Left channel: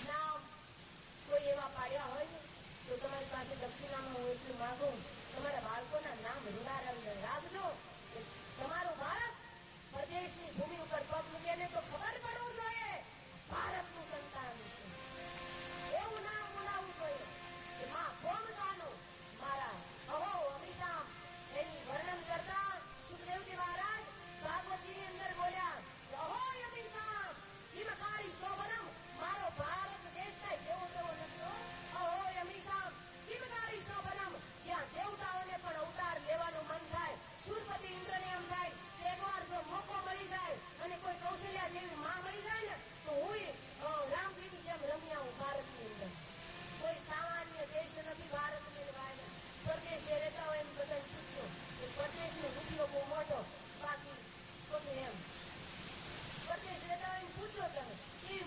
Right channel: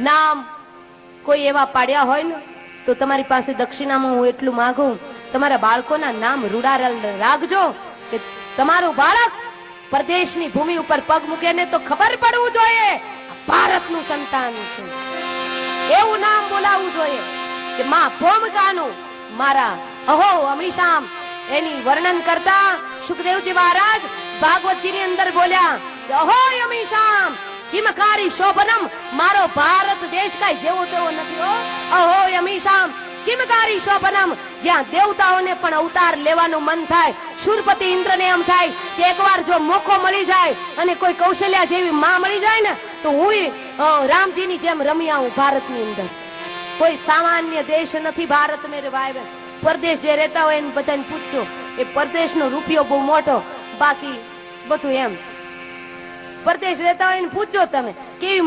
નામ કોઈ એવા પાડ્યા હોય ને તો તમારી પાસે દક્ષિણામાં હું એટલું માંગુ, તમારા બાળકોના નામ રૂડા રાખજો કે તમારું બાળક પરદેશની ભૂમિ ઉપર પગ મૂકે ને તો ખબર પડવું જોઈએ ભારતનું સંતાન છે. એવું નામ બોલાવવું જોઈએ કે માં ભૂમિકાનું. મારા અહો અમીશામ એની વર્ણન કરતા સુખદેવજી મહારાજ ભાગવતજીની અંદર બોલ્યા કે અહો અમીશામ કિમકારી શોભનમ, મારો ભારત દેશ કાઈ જેવો તેવો નથી હો. અહો અમીશામ કિમકારી શોભનમ, જ્યાં દેવતાઓને પણ અવતાર લેવાનું મન થાય. શૂરપતિ ઇન્દ્રને એમ થાય કે એકવાર જો મોકો મળી જાય અને કોઈ કૌશલ્યા જેવી માં મળી જાય ને તો હું રામજીની જેમ રમી આવું ભારતની અંદર. કોઈ સામાન્ય દેશ નથી ભારત મેરે ભાઈ બહેન. પરદેશ જે રહેતા હોય એને બધાને પૂછજો, એ પરદેશનો રૂપિયો બહુ મોટો, બાકી બધું એમ. પરદેશ રહેતા હોય એને પૂછજો તમે કેવી